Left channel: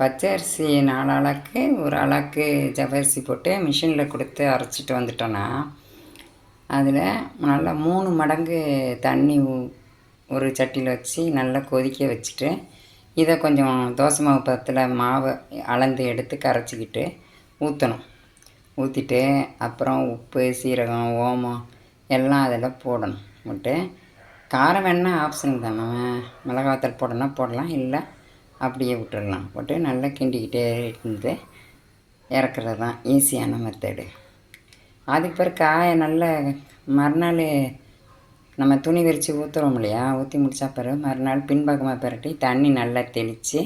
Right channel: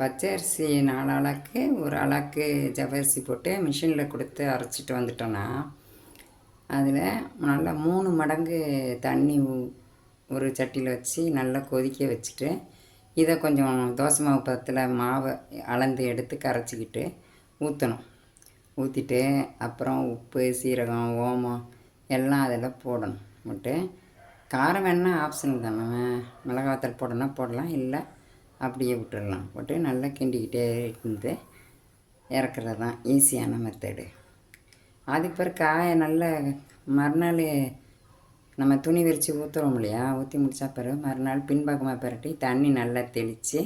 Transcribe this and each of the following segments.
பச்சை அரிசி 4 ஆளாக்கு ஒரு ஆளாக்கு ஜவ்வரிசி போட்டு மிஷினில் கொடுத்து அரைச்சிட்டு வந்துட்டோன்னா அதில் நல்லா 3 மடங்கு தண்ணி ஒரு சட்டியில் வச்சு நல்லா கொதிக்க வச்சுட்டு இதை கொஞ்சம் தோசை மாவு பதத்தில் மாவை அளந்து எடுத்து கரைச்சிக்கிட்டு ஊற்றணும். ஊற்றிட்டு அப்புறம் உப்பு, சீரகம், ஓமம் எல்லாம் அதில் போடணும். போட்டு காரம் வேணால் ஆப்ஷன் தான், நம்ம மிளகாத்தூள் போடணும்னா போடலாம், இல்லை அப்படியே விட்டுடலாம். போட்டு நல்லா கிண்டிக்கிட்டே இருந்து இறக்குறது தான் ஈஸியான மெத்தடு. அதுக்கு பிறகு காயை நல்ல மறுநாள் நம்ம துணி விரித்து ஊற்றுறோம் இல்லையா, ஊற்றி முடித்தா பிறகு மறுநாள் பின்பக்கமாக பிரட்டி தண்ணி நல்லா தெளித்து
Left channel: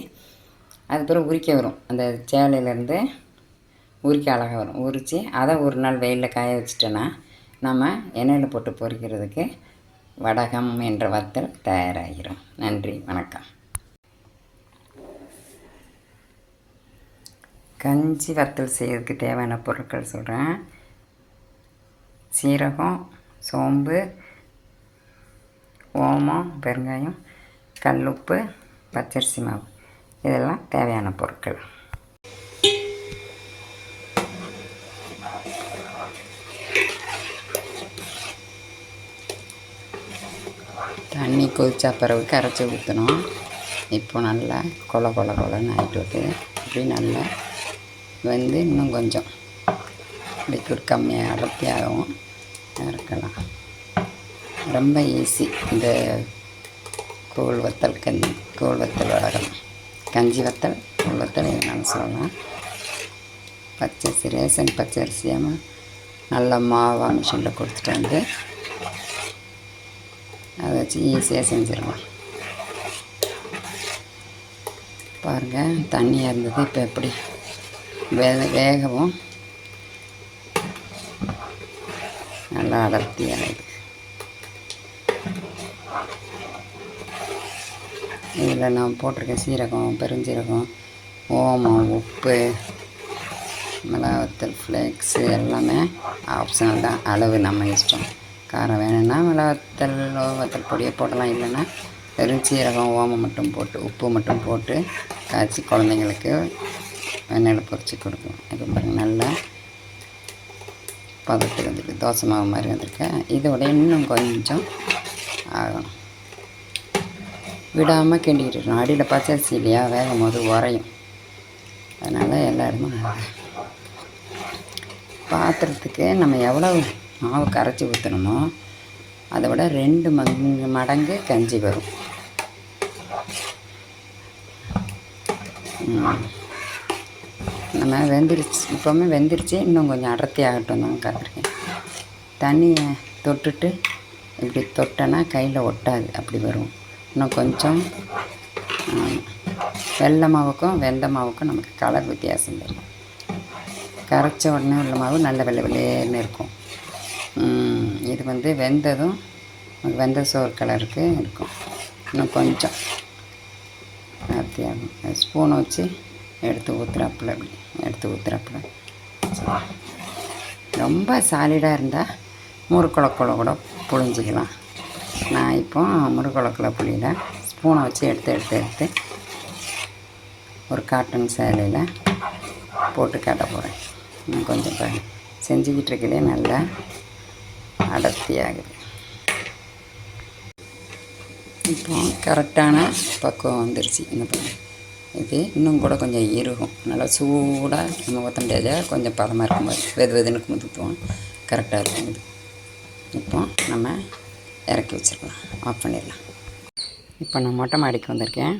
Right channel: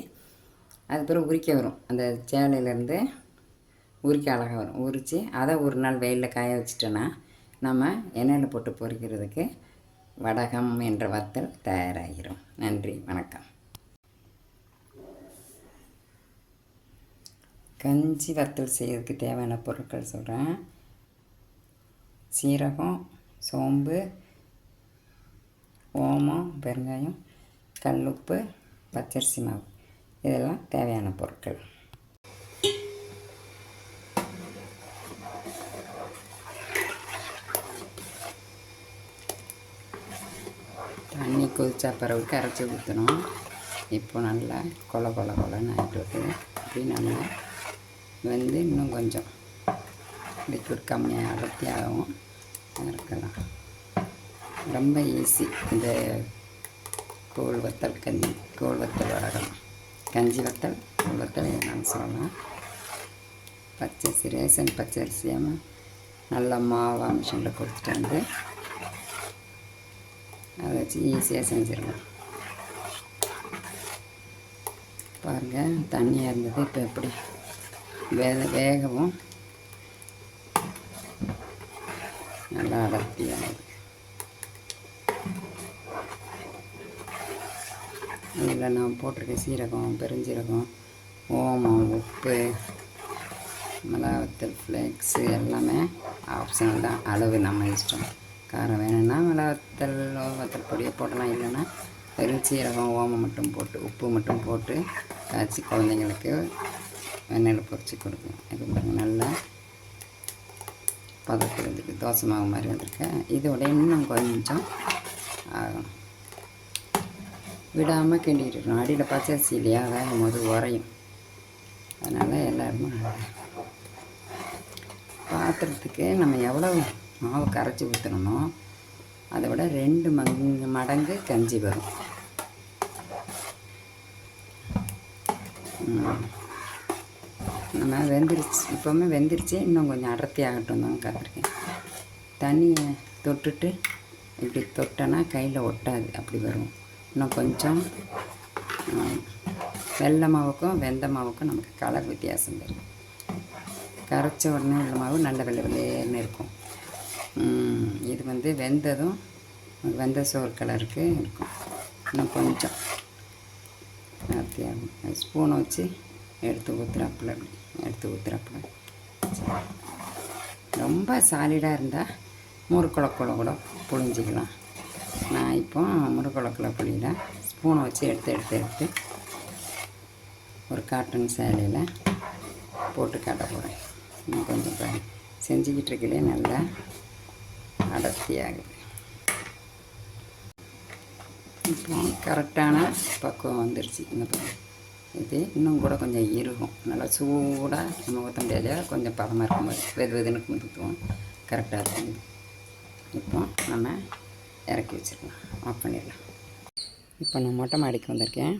அது பிறகு உரிக்க வரும். அந்த சேலையிலேருந்து உரிக்க அழகாக வரும். உரித்து அதை ஒரு நாள் வெயிலில் காய வச்சிட்டோன்னா நம்ம எண்ணெயில் போட்டு பொரிக்கிறதுக்கு வடகம் என்ற வத்தல் தயாராகிடும். நன்றி, வணக்கம். கஞ்சி வத்தல் செய்கிறதுக்கு தேவையான பொருட்கள் சொல்கிறேன். சீரகம், சோம்பு, ஓமம், பெருங்காயம், கல்லுப்பு, பச்சரிசி மாவு, இதெல்லாம் தேவையான பொருட்கள். தண்ணி கொதிச்சா பிறகு கரைச்சி ஊற்றணும். இப்போ நல்லா கொலன்னு ஆகிட்டு இப்படி நல்லா வந்து இன்னும் கொஞ்சம் லிக்விட் கம்மியாக அடர்த்தியாகவும் இருக்கலாம். ரொம்ப ஈஸி. இந்த கூழ் வத்தல் வடகம், கஞ்சி வத்தல், கூழ் வத்தல் என்னென்னு சொல்லலாம். பச்சரிசி, ரேஷன் பச்சரிசியாக நல்ல மாவாக மிஷினில் கொடுத்துட்டு வந்து அதை வச்சு ஈஸியாக செஞ்சிடலாம். பாருங்கள், தண்ணியாக இருந்தது இப்போ எப்படி வேகவும் நல்லா அடர்த்தியாக இருக்குது. இதில் நான் போட்டிருக்க சீரகம், பெருஞ்சீரகம், ஓமம், உப்பு, மிளகாத்தூள் ஃப்ளேக்ஸு எல்லாமே ஆப்ஷனல் தான். அளவு நம்ம இஷ்டம். காரம் வேணும்னா வத்தல் பொடியை போடலாம், இல்லைன்னா வெறும் சீரகம், ஓமம் மட்டும் போட்டு உப்பு மட்டும் போட்டு காய்ச்சி குழந்தைங்களுக்கு எண்ணெயில் பொரித்து கொடுக்கும். இப்போ பாருங்கள், நல்லா பதத்து வந்துருக்கு, தோசை மாவு மாதிரி வந்திருக்கு. இதோட இன்னும் கொஞ்சம் ஆகணும். விடாமல் கிண்டிக்கிட்டு இருக்கணும். அடியில் பச்சரிசி இல்லையா, வேகும் போது உரையும். அதனால் எல்லா இடமும் பாத்திரத்துக்கு நம்ம எவ்வளோ மாவு கரைச்சி ஊற்றணுமோ அதை விட 2 மடங்கு கஞ்சி வரும். நம்ம இப்போவுமே வெந்துருச்சு, இன்னும் கொஞ்சம் அடர்த்தி ஆகட்டும் தான் காத்திருக்கேன். தண்ணியை தொட்டுட்டு இப்படி தொட்டனா கையில் ஒட்டாது, அப்படி வரும். இன்னும் கொஞ்சம் வெள்ளை மாவுக்கும் வெந்த மாவுக்கும் நமக்கு கலர் வித்தியாசம் தெரியும். கரைச்ச உடனே உள்ள மாவு நல்ல வெள்ளைன்னு இருக்கும். இது வந்து வெந்ததும் வெந்த சோறு கலருக்கு இருக்கும். இன்னும் கொஞ்சம் அத்தியாகும். ஸ்பூனை வச்சு எடுத்து ஊற்றுறாப்புல ரொம்ப சாலிடாக இருந்தால் முறுக்குழக்குள்ள கூட புழிஞ்சிக்கலாம். நான் இப்போ முறுக்குழக்குள்ள புளியில் ஸ்பூனை வச்சு எடுத்து ஒரு காட்டன் சேலையில் போட்டு காட்ட போகிறேன். கொஞ்சம் செஞ்சுக்கிட்டு இருக்கலே நல்லா அடர்த்தியாகுது. இப்போ கரெக்டான பக்குவம் வந்துருச்சு. இது இன்னும் கூட கொஞ்சம் இறுகும். நல்லா சூடாக நம்ம ஊற்ற முடியாது, கொஞ்சம் பதமாக இருக்கும்போது வெதுன்னு ஊற்றுவோம், கரெக்டாக இருக்கும். இது இப்போ நம்ம இறக்கி வச்சிடலாம், ஆஃப் பண்ணிடலாம். இப்போ நான் மொட்டை மாடிக்கு வந்திருக்கேன்.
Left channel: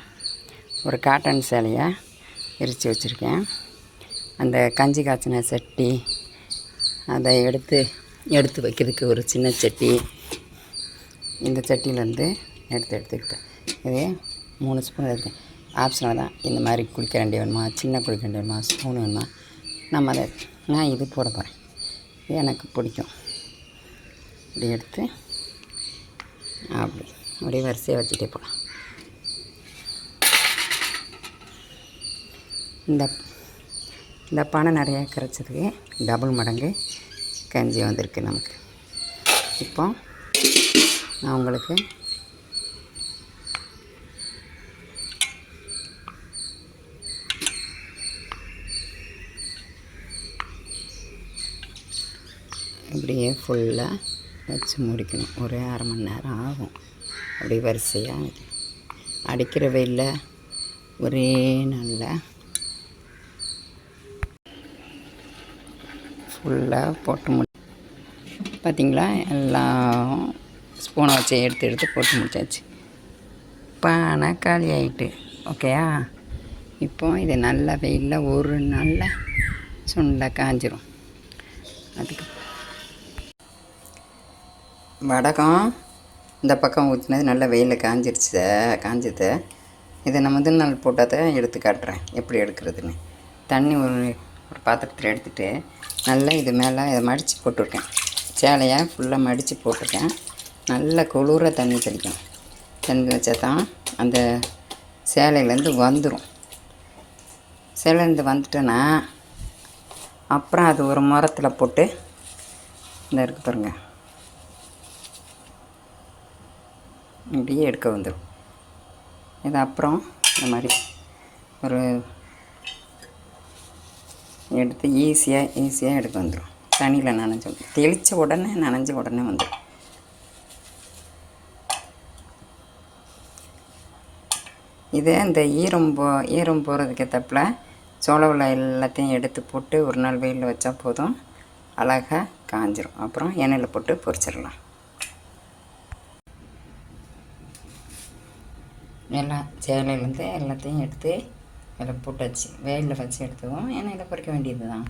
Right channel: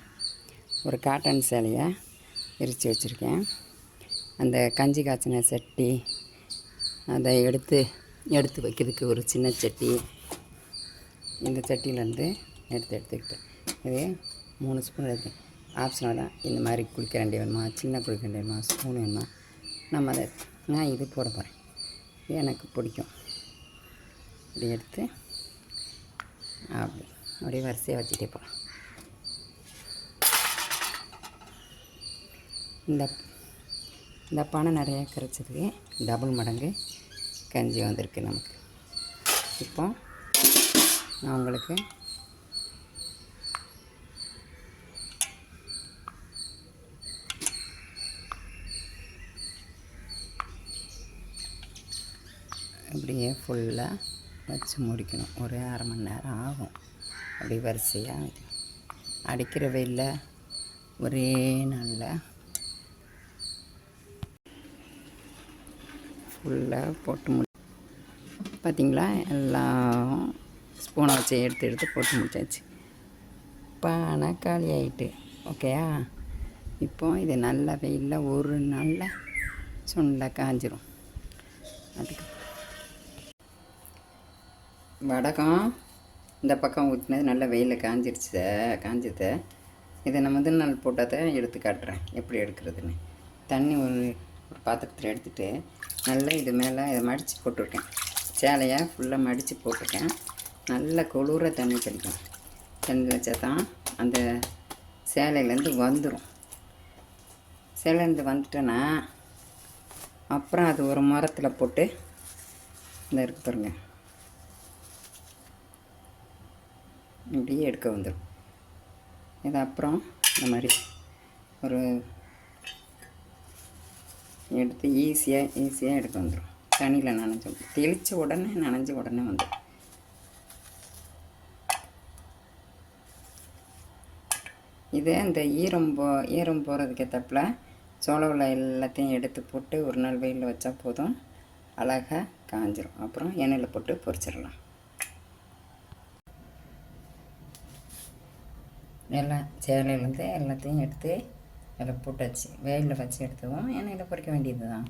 ஒரு காட்டன் சேலையை விரித்து வச்சுருக்கேன். அந்த கஞ்சி காய்ச்சின சட்டி அதை எடுத்து வைக்கிறதுக்கு ஒரு சின்ன சட்டி, இந்த சட்டியிலேருந்து எடுத்துக்கிட்டேன். இது 3 ஸ்பூன் இருக்குது. ஆப்ஷனாக தான். இந்த மாதிரி குளிக்கரண்டி வேணுமா, சின்ன குளிக்கரண்டி வேணுமா, ஸ்பூன் வேணுமா, நான் இது போட போகிறேன். இது எனக்கு பிடிக்கும். இப்படி எடுத்து அப்படியே வரிசையாக வச்சுட்டே போகலாம். இந்த பானை நிறையா கரைச்சதுக்கு டபுள் மடங்கு கஞ்சி வந்திருக்கு நமக்கு. இப்போ நான் உங்களுக்கு அப்படியே ஃபுல்லாக வச்சு முடிக்கணும். ஒரு அரை மணி நேரம் ஆகும். அப்படி வரிசையாக வைக்கணும். அடிக்கிற வெயிலில் ஒரே நாளில் ஃபுல்லாக போட்டு பார்த்திங்களா, எல்லாம் ஸ்பூனை வச்சு எடுத்து போட்டு முடிச்சாச்சு. பானை காலி ஆகிட்டு. ஓகேயா? இப்போ இது நல்ல வெயிலில் ஒரு நாளில் சுண்டை காஞ்சிரும். அதுக்கு வடகம் இந்த பக்கம் ஊற்றினது நல்ல வெயிலில் காஞ்சிது. இதை நான் முதல் நாள் போட்டால் தான் எடுத்து காட்டுறேன் எப்படி எடுக்கிறதுன்னு. தண்ணி ஒரு பாத்திரத்தில் எடுத்துகிட்டு நல்லா இது மேலே இதை மடித்து போட்டிருக்கேன். சேலையை ஃபுல்லாக மடித்து போட்டிருக்கேன். நல்ல குளிர தண்ணி தெளிக்கணும். தண்ணி வச்சா தான் அந்த சேலையிலேருந்து வந்துடும். சேலையிலேருந்து வந்துட்டோன்னா அப்புறம் அது ஒரு முரத்தில் போட்டு இந்த இருக்கு பாருங்க, இப்படியே எடுக்க வந்துடும். இது அப்புறம் இந்த மாதிரி ஒரு எடுத்து ஈஸியாக எடுக்க வந்துடும். தண்ணியில் தெளித்த உடனே நனைஞ்ச உடனே வந்துடும். இதே இந்த ஈரம் போகிறதுக்கு ஏற்றப்பில் சோளவில் எல்லாத்தையும் எடுத்து போட்டு ஒரு நாள் வெயிலில் வச்சா போதும், அழகாக காஞ்சிரும். அப்புறம் எண்ணெயில் போட்டு பொரிச்சிடலாம். எல்லாம் சேலையிலேருந்து எல்லாத்தையும் எடுத்து அதில் போட்டாச்சு. வெயிலில் வச்சு எடுத்துவோம், எண்ணெயில் பொரிக்க வேண்டியது தான்.